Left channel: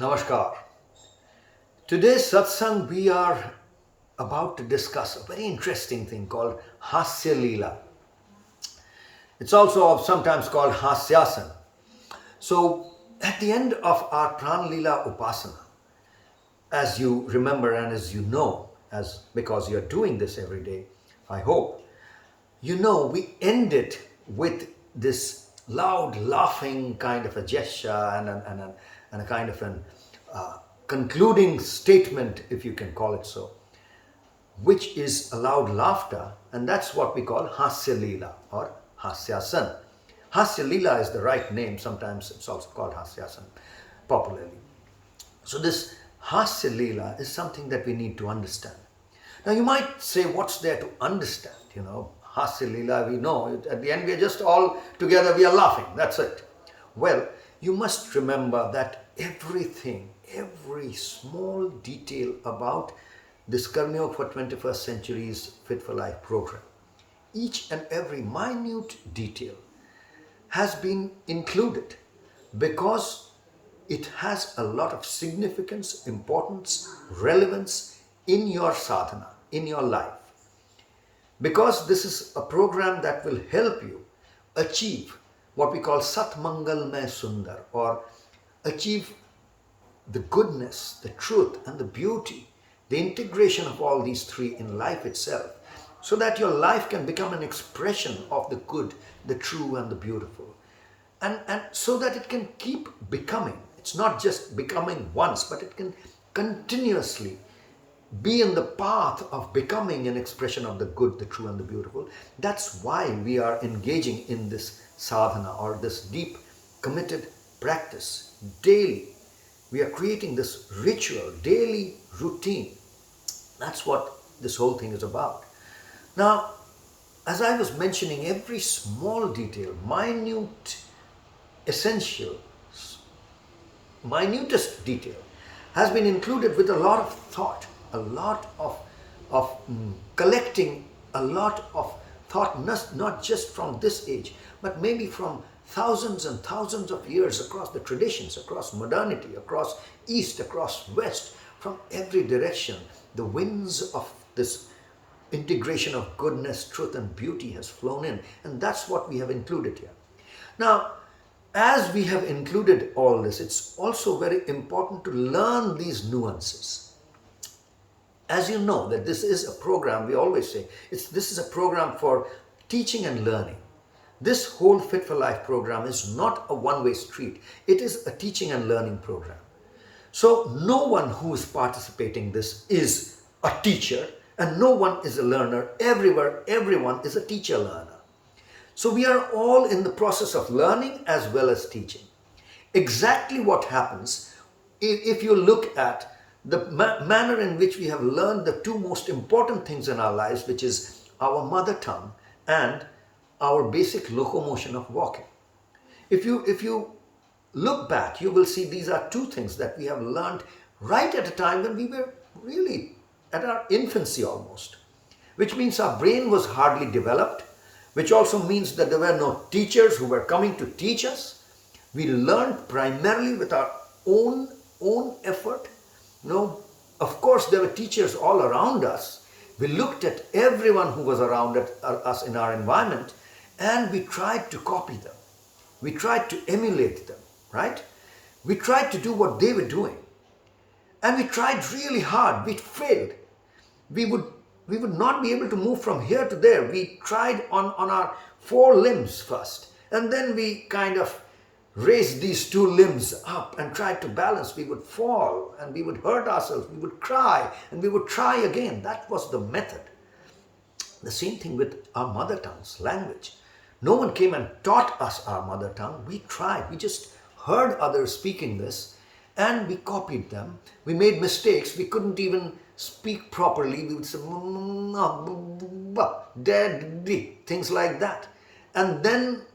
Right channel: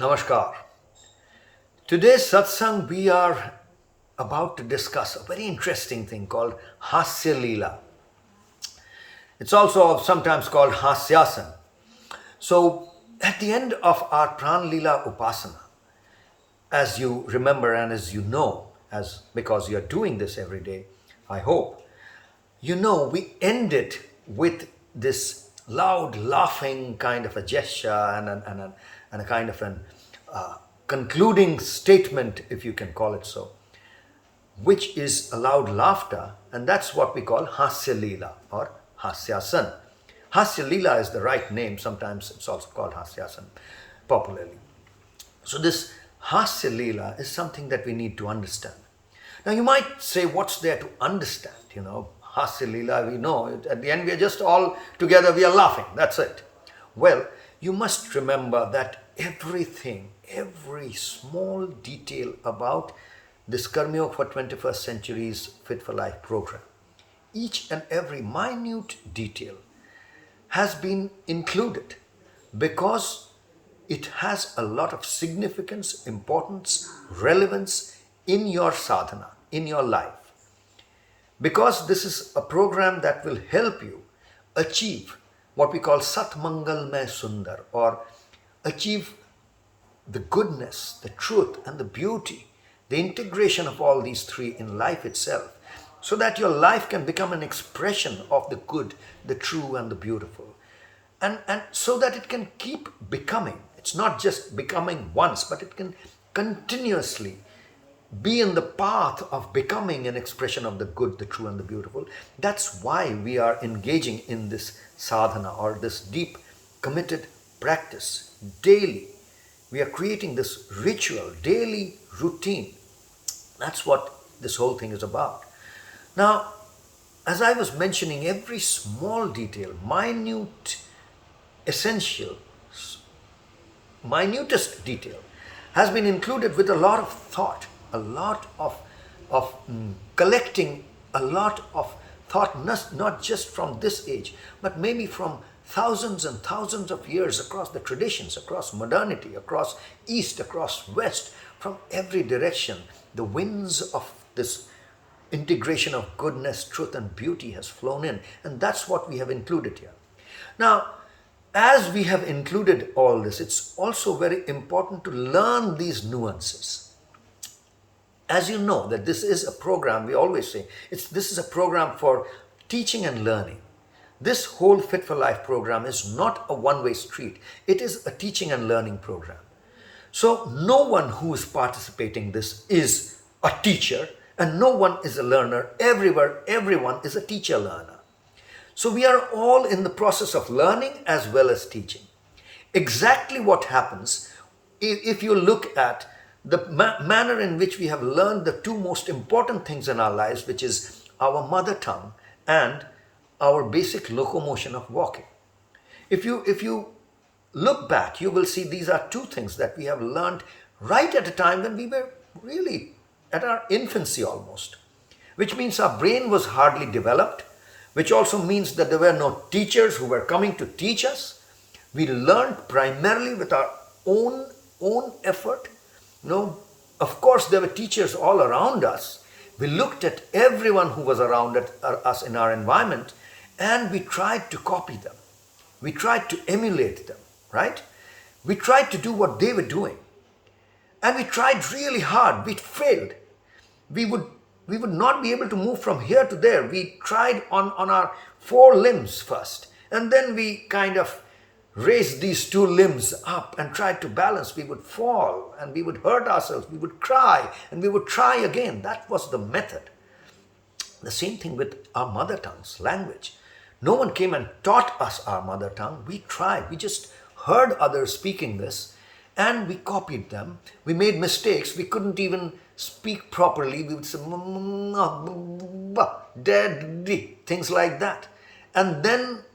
Namaskar. Today's satsang we are about to discuss a very interesting thing called Hasya Leela. It's also sometimes called Hasyasan. So, at the end of our Pran Leela Upasana, as you remember and as you know, as because you're doing this every day, I hope, we end it with this loud laughing kind of a gesture and a kind of an concluding statement, if you can call it so, which is a loud laughter, and that's what we call Hasya Leela or Hasyasan. Hasya Leela is the right name, sometimes it's also called Hasyasan popularly. So, this Hasya Leela is something that we need to understand. Now, you might say, what's there to understand? Hasya Leela, we know, at the end we are just all together, we are laughing, that's it. Well, you must remember that everything, every small detail about this Karma Yoga for 21st Century's Fit for Life program, each and every minute detail has been included because it has a lot of significance, importance, relevance in your sadhana, in your life. Because this is a program that will help you achieve what we call Sat Mangal Mein Sundar, or achieve the goodness, the truth, and the beauty, the integration of all these three in life itself, so that your life can become an expression of the good, the true, and the beautiful. And so that it can keep becoming. It's not just becoming once, but it can continuously be in the path of becoming an expression of the good, the true, and the beautiful. That's why we are engaging in this sadhana or this deep, committed practice daily. We are creating this ritual, daily routine. That's what this whole thing is about. Now, as I was mentioning, every small detail, essential, minutest detail, has been included with a lot of thought, a lot of collecting a lot of thought, not just from this age, but maybe from thousands and thousands of years across the traditions, across modernity, across east, across west, from every direction. The winds of this integration of goodness, truth, and beauty has flown in, and that's what we have included here. Now, as we have included all this, it's also very important to learn these nuances. As you know, that this is a program, we always say, this is a program for teaching and learning. This whole Fit for Life program is not a one-way street. It is a teaching and learning program. So no one who is participating in this is a teacher, and no one is a learner. Everyone is a teacher learner. So we are all in the process of learning as well as teaching. Exactly what happens if you look at the manner in which we have learned the two most important things in our lives, which is our mother tongue and our basic locomotion of walking. If you look back, you will see these are two things that we have learned right at a time when we were really at our infancy almost, which means our brain was hardly developed, which also means that there were no teachers who were coming to teach us. We learned primarily with our own effort. Of course, there were teachers all around us. We looked at everyone who was around us in our environment, and we tried to copy them. We tried to emulate them, right? We tried to do what they were doing. And we tried really hard. We failed. We would not be able to move from here to there. We tried on our four limbs first. And then we kind of raised these two limbs up and tried to balance. We would fall and we would hurt ourselves. We would cry and we would try again. That was the method. The same thing with our mother tongue's language. No one came and taught us our mother tongue. We tried. We just heard others speaking this and we copied them. We made mistakes. We couldn't even speak properly. We would say daddy, things like that. And then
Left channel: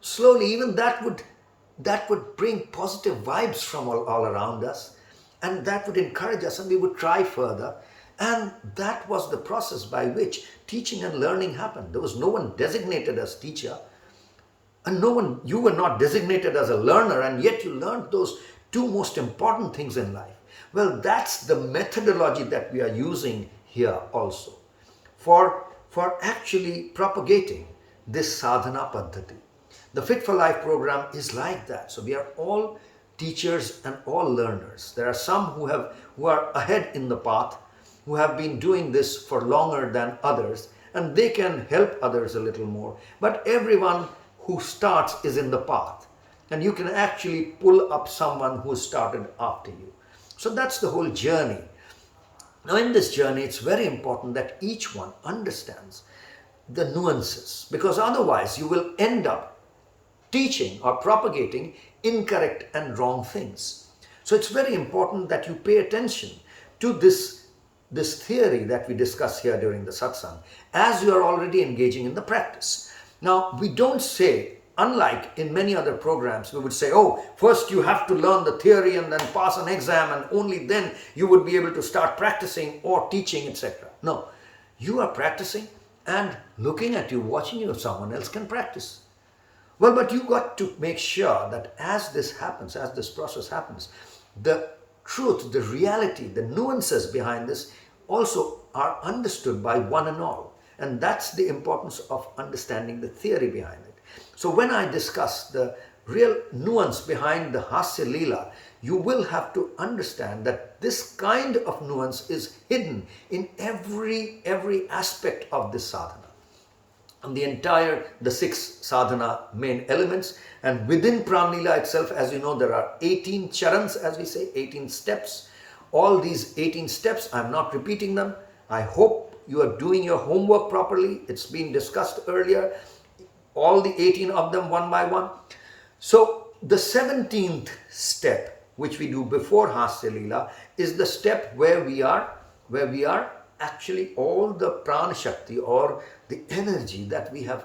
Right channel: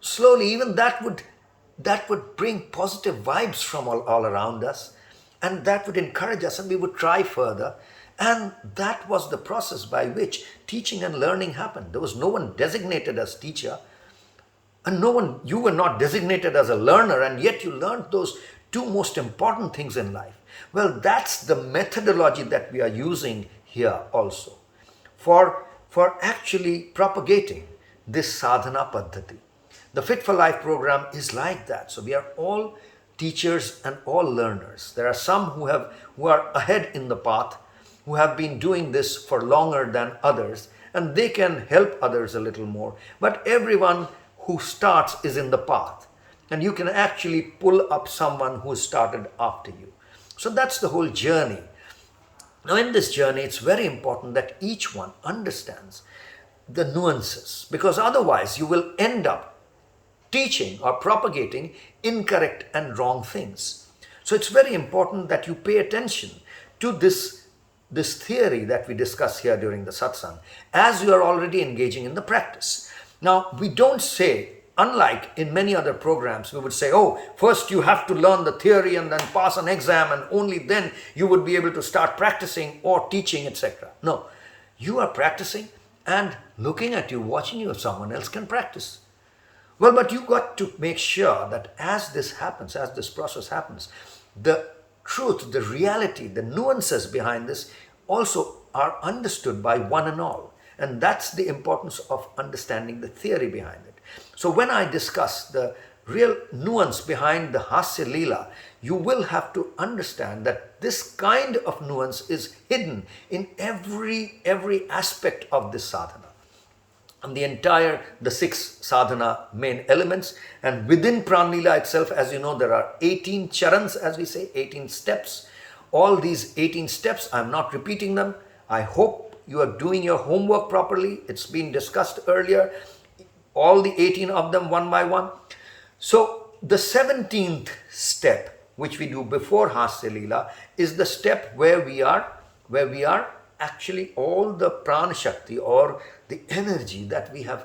slowly even that would bring positive vibes from all around us, and that would encourage us, and we would try further. And that was the process by which teaching and learning happened. There was no one designated as teacher, and you were not designated as a learner, and yet you learned those two most important things in life. Well, that's the methodology that we are using here also for actually propagating this sadhana paddhati. The Fit for Life program is like that. So we are all teachers and all learners. There are some who are ahead in the path, who have been doing this for longer than others, and they can help others a little more. But everyone who starts is in the path, and you can actually pull up someone who started after you. So that's the whole journey. Now, in this journey, it's very important that each one understands the nuances, because otherwise you will end up teaching or propagating incorrect and wrong things. So it's very important that you pay attention to this theory that we discuss here during the satsang as you are already engaging in the practice. Now, we don't say, unlike in many other programs, we would say, oh, first you have to learn the theory and then pass an exam and only then you would be able to start practicing or teaching, etc. No, you are practicing and looking at you, watching you, someone else can practice. Well, but you got to make sure that as this happens, as this process happens, the truth, the reality, the nuances behind this also are understood by one and all. And that's the importance of understanding the theory behind it. So when I discuss the real nuance behind the Hasya Leela, you will have to understand that this kind of nuance is hidden in every aspect of this sadhana. And the 6 sadhana main elements, and within Pranlila itself, as you know, there are 18 charans, as we say, 18 steps. All these 18 steps, I'm not repeating them. I hope you are doing your homework properly. It's been discussed earlier, all the 18 of them one by one. So the 17th step, which we do before Hasya Leela, is the step where we are actually all the prana shakti or the energy that we have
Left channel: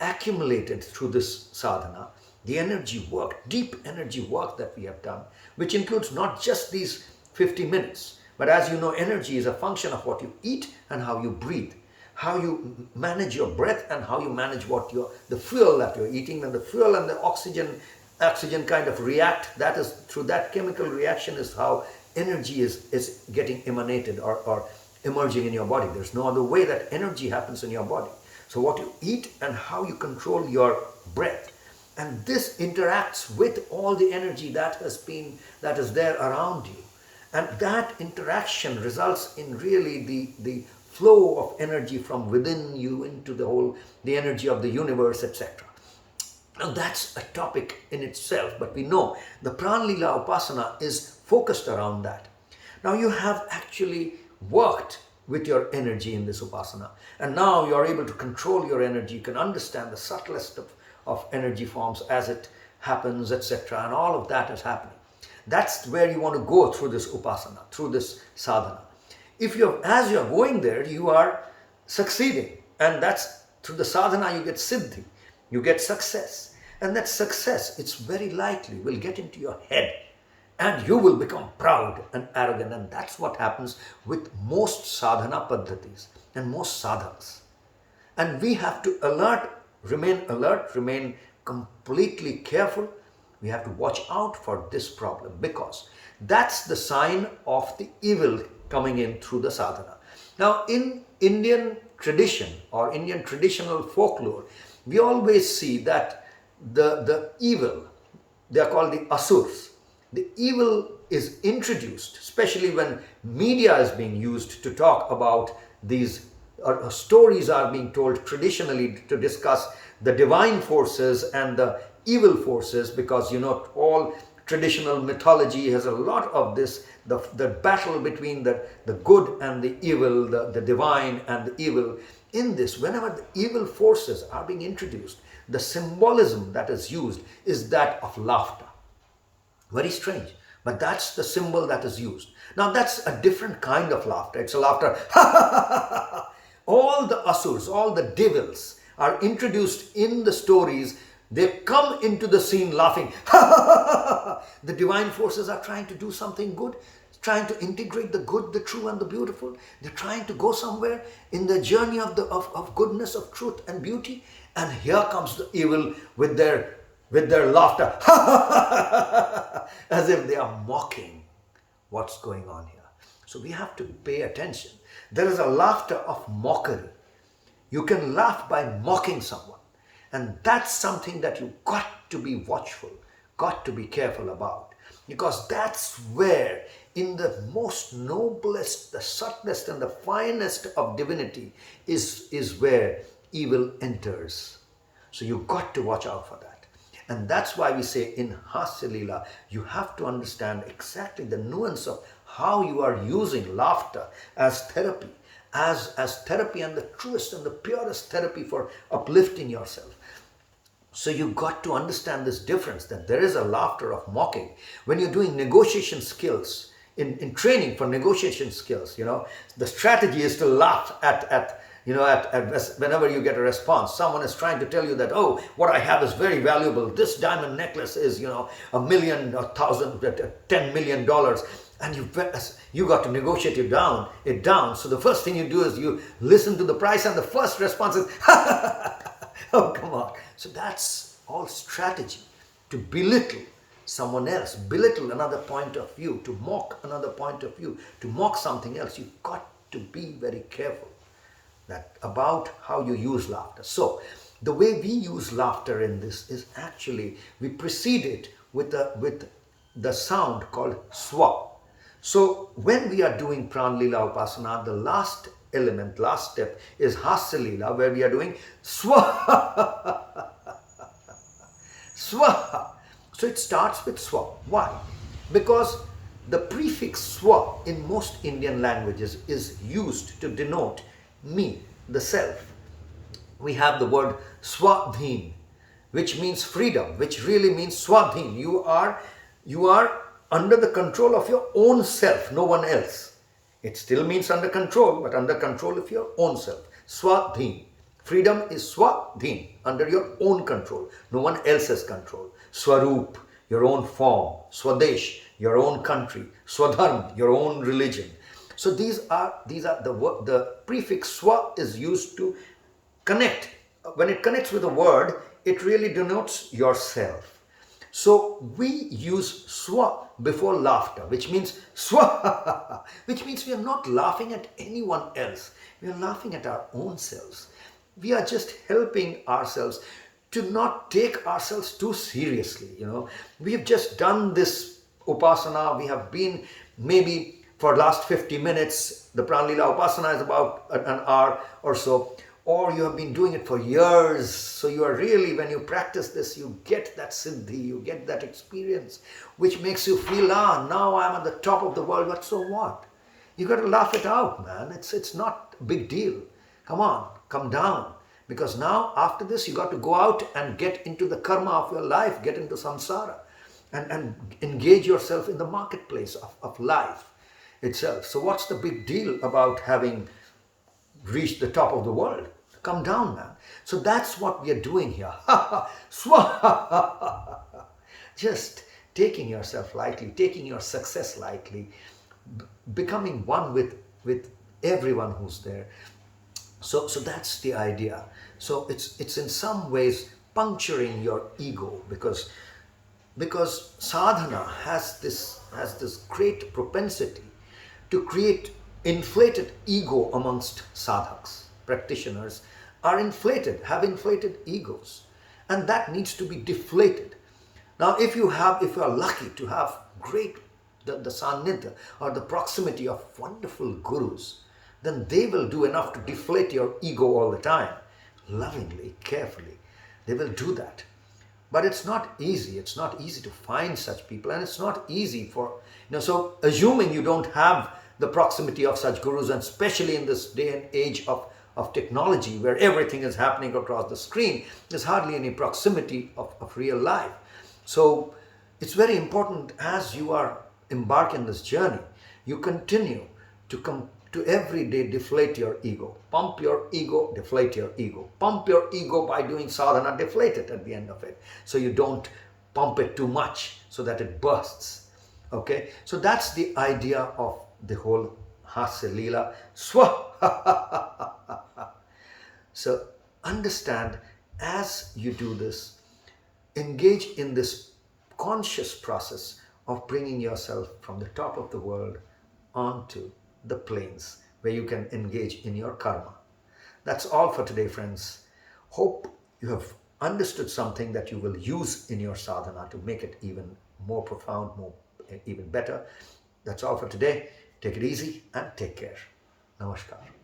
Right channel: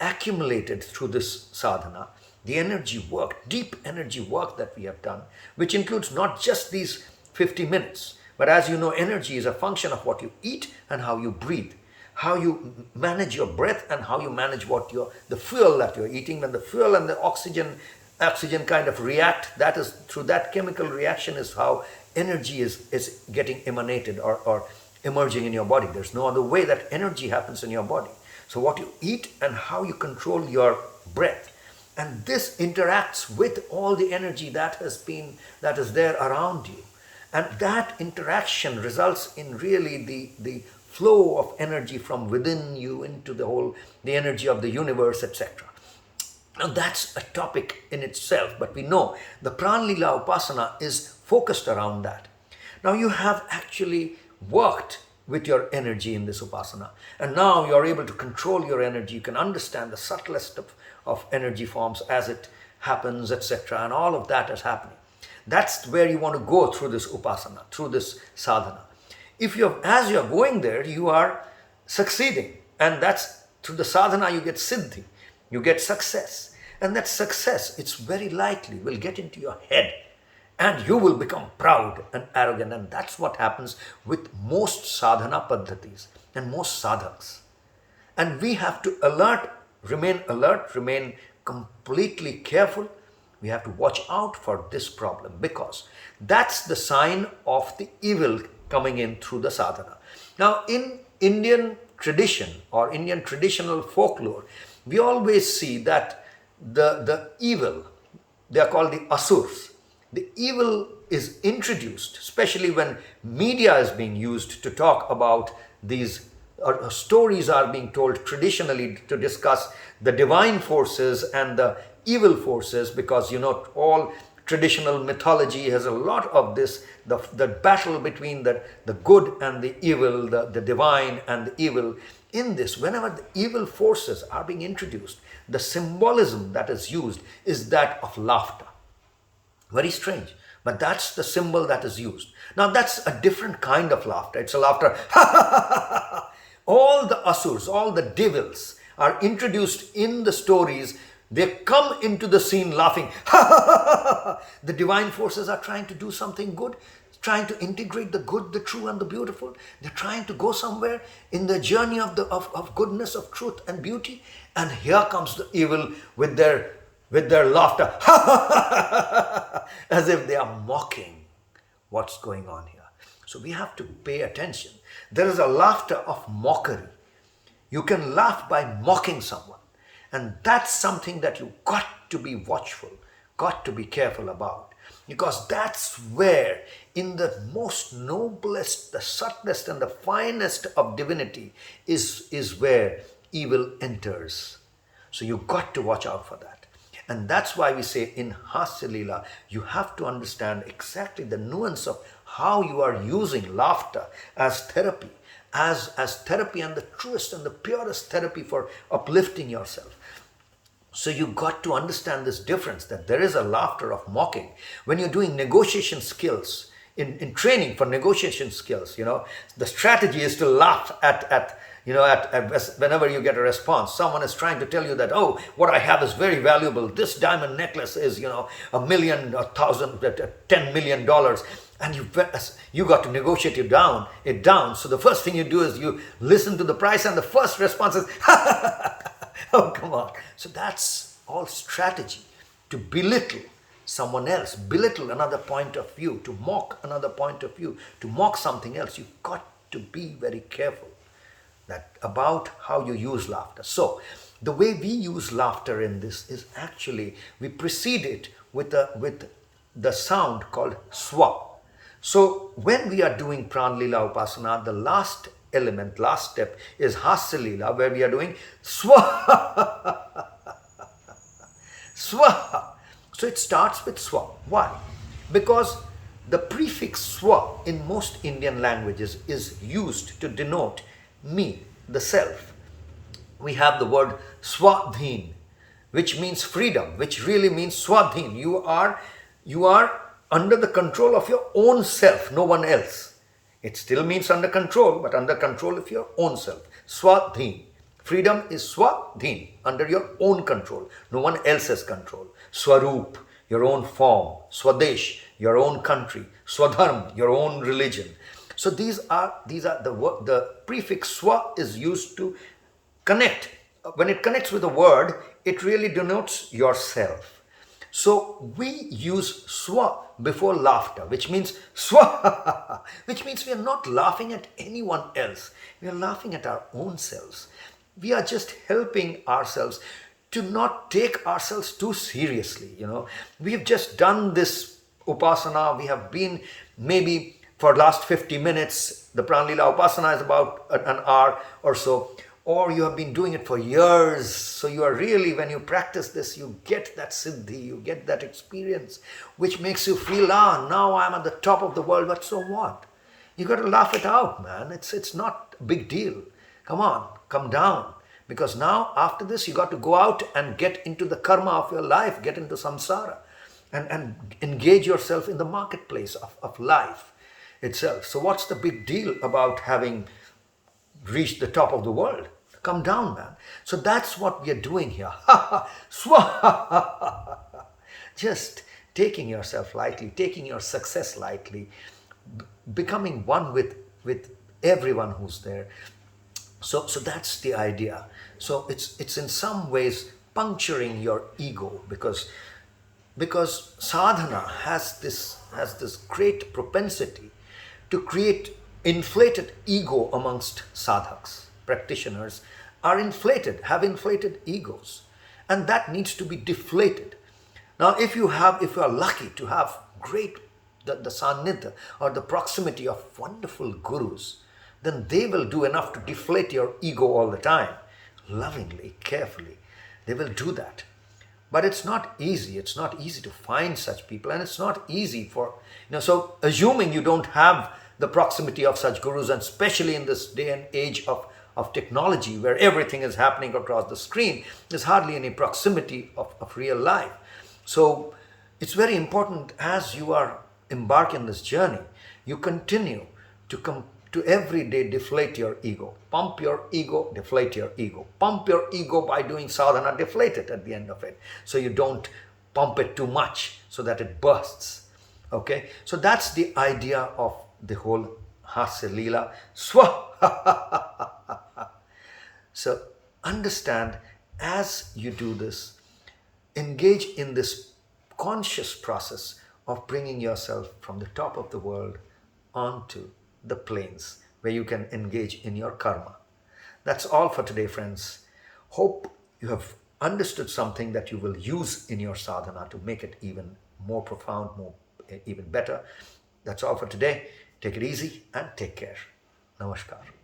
accumulated through this sadhana, the energy work, deep energy work that we have done, which includes not just these 50 minutes, but as you know, energy is a function of what you eat and how you breathe, how you manage your breath and how you manage the fuel that you're eating. When the fuel and the oxygen kind of react, that is through that chemical reaction is how energy is getting emanated or emerging in your body. There's no other way that energy happens in your body. So what you eat and how you control your breath, and this interacts with all the energy that is there around you, and that interaction results in really the flow of energy from within you into the energy of the universe, etc. Now that's a topic in itself, but we know the Pranlila Upasana is focused around that. Now you have actually worked with your energy in this Upasana, and now you're able to control your energy. You can understand the subtlest of energy forms as it happens, etc. And all of that is happening. That's where you want to go through this Upasana, through this sadhana. As you're going there, you are succeeding, and that's through the sadhana you get siddhi, you get success, and that success, it's very likely will get into your head and you will become proud and arrogant, and that's what happens with most sadhana paddhatis and most sadhaks. And we have to remain completely careful. We have to watch out for this problem, because that's the sign of the evil coming in through the sadhana. Now, in Indian tradition or Indian traditional folklore, we always see that the evil, they are called the asurs. The evil is introduced, especially when media is being used to talk about these, stories are being told traditionally to discuss the divine forces and the evil forces, because all traditional mythology has a lot of this, the battle between the good and the evil, the divine and the evil. In this, whenever the evil forces are being introduced, the symbolism that is used is that of laughter. Very strange, but that's the symbol that is used. Now that's a different kind of laughter. It's a laughter. All the asurs, all the devils are introduced in the stories. They come into the scene laughing. The divine forces are trying to do something good, trying to integrate the good, the true, and the beautiful. They're trying to go somewhere in the journey of goodness, of truth and beauty. And here comes the evil with their with their laughter, as if they are mocking what's going on here. So we have to pay attention. There is a laughter of mockery. You can laugh by mocking someone. And that's something that you got to be watchful, got to be careful about. Because that's where, in the most noblest, the subtlest, and the finest of divinity, is where evil enters. So you got to watch out for that. And that's why we say in Hasya Leela, you have to understand exactly the nuance of how you are using laughter as therapy, as therapy, and the truest and the purest therapy for uplifting yourself. So you got to understand this difference, that there is a laughter of mocking. When you're doing negotiation skills, in training for negotiation skills, the strategy is to laugh at whenever you get a response. Someone is trying to tell you that, oh, what I have is very valuable. This diamond necklace is, $1 million, $10 million. And you got to negotiate it down. So the first thing you do is you listen to the price, and the first response is, oh, come on. So that's all strategy, to belittle someone else, belittle another point of view, to mock another point of view, to mock something else. You've got to be very careful about how you use laughter. So the way we use laughter in this is actually, we precede it with the sound called swa. So when we are doing Pran Leela Upasana, the last step is Hasya Leela, where we are doing swaha. Swaha. So it starts with swa. Why? Because the prefix swa in most Indian languages is used to denote me, the self. We have the word swadhin, which means freedom, which really means swadhin. You are under the control of your own self, no one else. It still means under control, but under control of your own self. Swadhin. Freedom is swadhin, under your own control, no one else's control. Swaroop, your own form. Swadesh, your own country. Swadharm, your own religion. So these are the prefix swa is used to connect. When it connects with a word, it really denotes yourself. So we use swa before laughter, which means swa, which means we are not laughing at anyone else. We are laughing at our own selves. We are just helping ourselves to not take ourselves too seriously. We have just done this upasana. We have been maybe for last 50 minutes. The Pran Leela Upasana is about an hour or so. Or you have been doing it for years. So you are really, when you practice this, you get that siddhi, you get that experience, which makes you feel, now I'm at the top of the world, but so what? You got to laugh it out, man. It's not a big deal. Come on, come down. Because now, after this, you got to go out and get into the karma of your life, get into samsara, and engage yourself in the marketplace of life itself. So what's the big deal about having reached the top of the world? Come down, man. So that's what we are doing here. Swaha. Just taking yourself lightly, taking your success lightly, becoming one with everyone who's there. So that's the idea. So it's in some ways puncturing your ego, because sadhana has this great propensity to create inflated ego amongst sadhaks. Practitioners are have inflated egos, and that needs to be deflated. Now, if you are lucky to have the sannidhya or the proximity of wonderful gurus, then they will do enough to deflate your ego all the time, lovingly, carefully. They will do that. But it's not easy. It's not easy to find such people, and it's not easy for, so assuming you don't have the proximity of such gurus, and especially in this day and age of technology where everything is happening across the screen, there's hardly any proximity of real life. So it's very important, as you are embarking this journey, you continue to every day deflate your ego. Pump your ego, deflate your ego. Pump your ego by doing sadhana, deflate it at the end of it. So you don't pump it too much so that it bursts. Okay? So that's the idea of the whole Hasya Leela. So understand, as you do this, engage in this conscious process of bringing yourself from the top of the world onto the plains where you can engage in your karma. That's all for today, friends. Hope you have understood something that you will use in your sadhana to make it even more profound, even better. That's all for today. Take it easy and take care. Namaskar.